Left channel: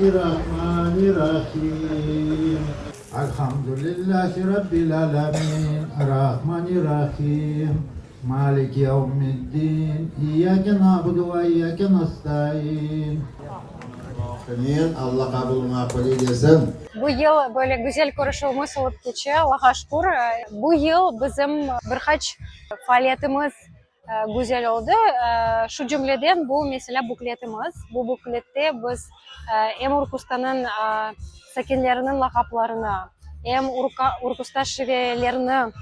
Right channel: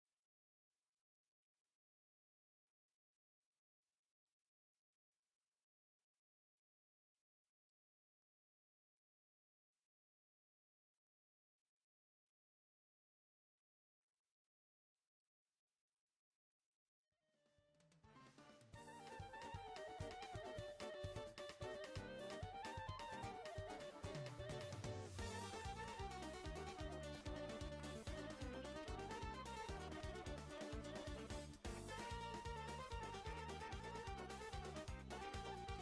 Bismillahirrahmanirrahim. Elhamdülillahi Rabbil alemin. Rahmanirrahim. Malik yevmiddin. İyyâke na'budu ve iyyâke nestaîn. Amin. Allah kabuluna kabul eylesin. Bu yıl böyle güzel konuşmamız olup geçiyor. Allah'a şükür. Bu yıl bizim birkaç faaliyetimiz güzel oldu. Şu cümleden bu mesela bukletimiz. Bu buklette biz hem Urkustan'ın sakinlerinin lakaplarını hem Urkustan şivelerini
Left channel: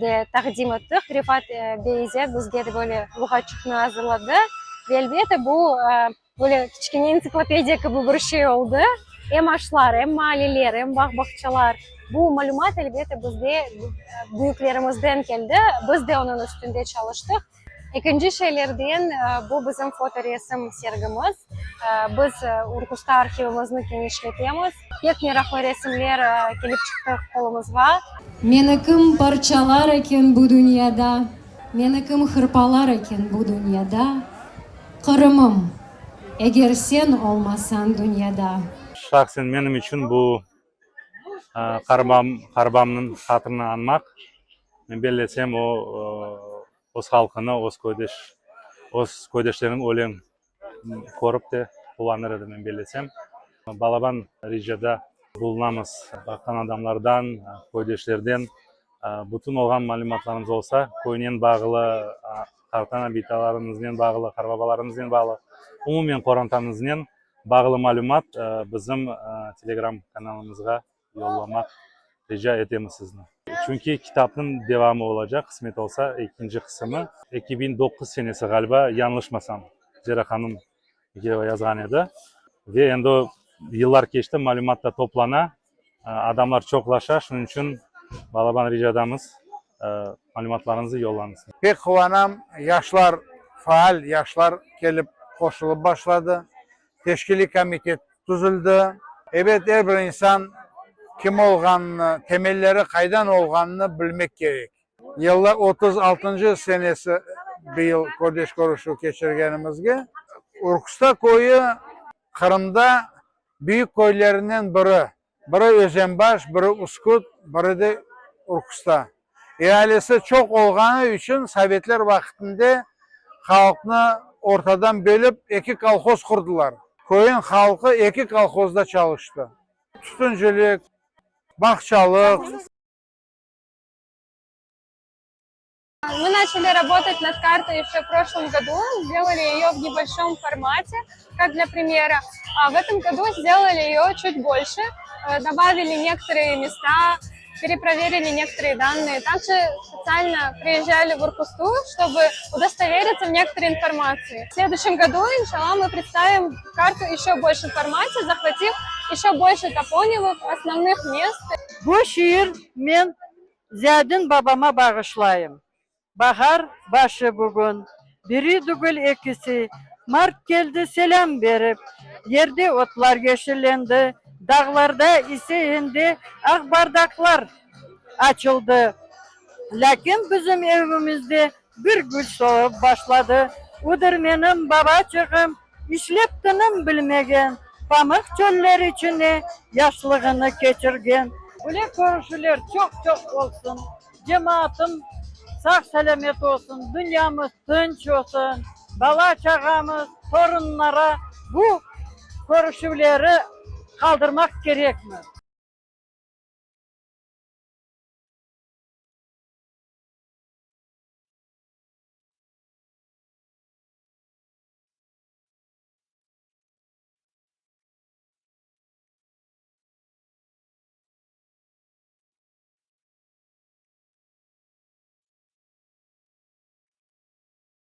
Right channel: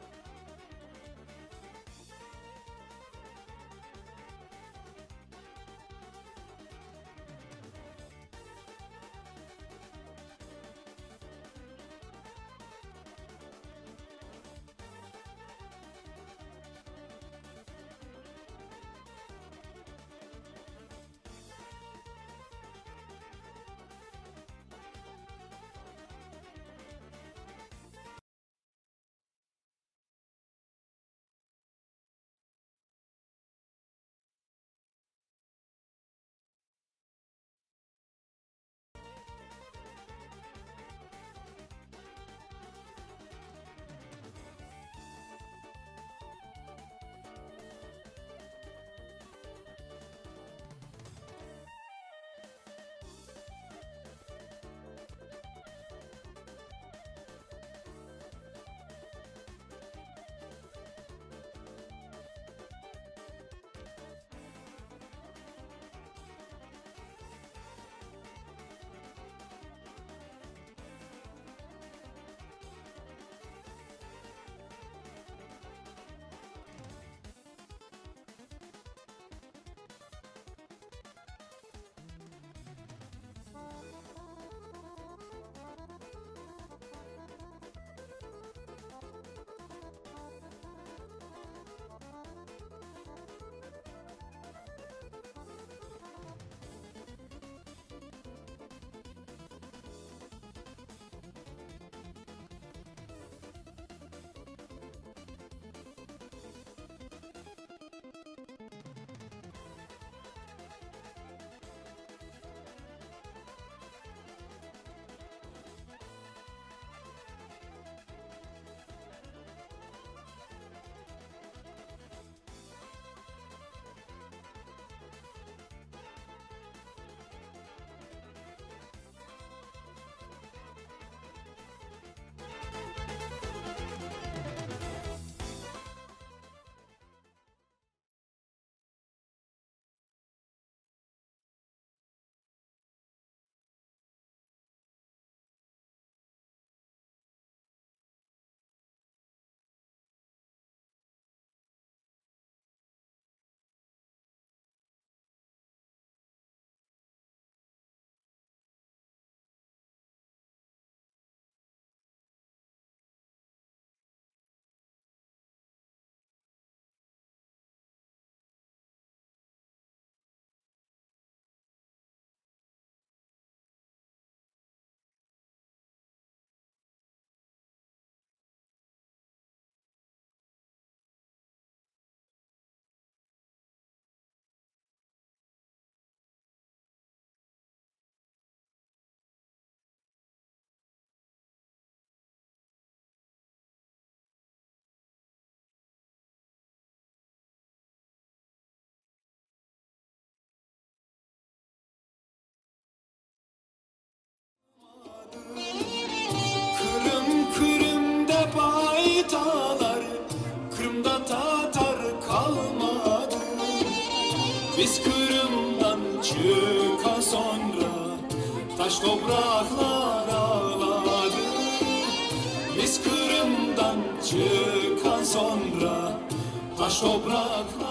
de takdim ettik. Rifat Beyze bizge de böyle lügatçıkını hazırladı. Ve elbette bu böyle küçükçe ensiklopediya gibi bir şey oldu. Hem aşılar, hem mahalleler, hem bahçalar. Bu malumat elbette bizde büyüklerimizden geldi. Biz de onun üstünde çalıştık. İkinci şeylerden bu bizim foto resim sergimiz. Biz Urkusta arxivimizni genişletemiz. Pek meraklı resimler gelip çıktı kolumuzga. Menikim parçalar eken bu dünyada, menikim hırpalar eken bu dünyada. Kırımım, eğer sen olmasan dünyada. Şahsen benim için bu Karbam'ın hatırını anmak. Ben belirlesem öz halkını, öz kodeşlerin ölen korup da kullanırdı ben belirlesem. Balaban Rijada bulunamız. Bakan adamlardan, kodeşlerden bütün olgan malumatlarımız olsa, koyunun bağlı, tartana bitalarımızdan bağlı, karbabalarımızdan bağlı, umumen korantamızdan bağlı malumat bizim Telegram kanalımızga yollamak rica edemiz sizni. Çünkü kitapın devamı olacak, kısmet olsa ikinci kısmı 2009 senesi galiba yanlışmasam Zera Hanım yazgan edi. Ve endi o yıllar geçti, malumatla toplana, adamlar çoklaşa, şunun için Balaban Rijadamız malumatlarınızı yollanız. Pek kıvanam, yaşlar faal, yaşlar gelip koşulup başladı. Teşkili komitet düzüldü. Evet, her bir insan kim olganını, temelleri kaydan olganını bilmek gerek. Yıllar 36. senesi bir yıl kodeş koruşu geçirgenimizge. Urkusta koyu Kırım'da büyük koylarından biri. Biri Özenbaş, biri Uskut, biri de Urkusta. İhalesi çok olganı için Sovetler vaktinde halkını ortadan bölüp iki kolhoz kurdular. Koyun halkı iki kolhozda çalıştı. Tütüncülük, бахчалык. Мы начали работать над картой еще в прошлом году, сделали ее в небольшом формате, как для примера. А в этом году сделали ее чуть больше, добавили некоторые места, перепроверили некоторые данные. Также специально приезжали в Уркусту, чтобы удостовериться в некоторой информации. В следующем году, иншаллах, мы представим карту еще в большем формате, захватив еще больше топонимов, основных мест. Bu şiir men Ziyadin babama bağışlayayım. Bahar başı bugün, biri dügül ikisi, Mart geldi selam verip, yerde otlar yeşillendi, dağlarda ise indi, ak bardaklar açıldı. Lakin bizim evimizde bir güç soğuk başladı. Udur benim babacığım, işleptinim bilmegen, pamuk çöller içine yaşlığını geçirgen. Ule görüşüler çok olsun, cemaatim sağ selamet olsun, dünyamız tınç olsun, bala çağamız, torunlara bu görüşüleri kaldırmak gerek mi? Kırım'da baytalar, Kırım'da Tatar kalmadı. Biz Kırım'dan çıka sonra taş topraklar ağladı. Biz Kırım'dan çıkan sonra taş topraklar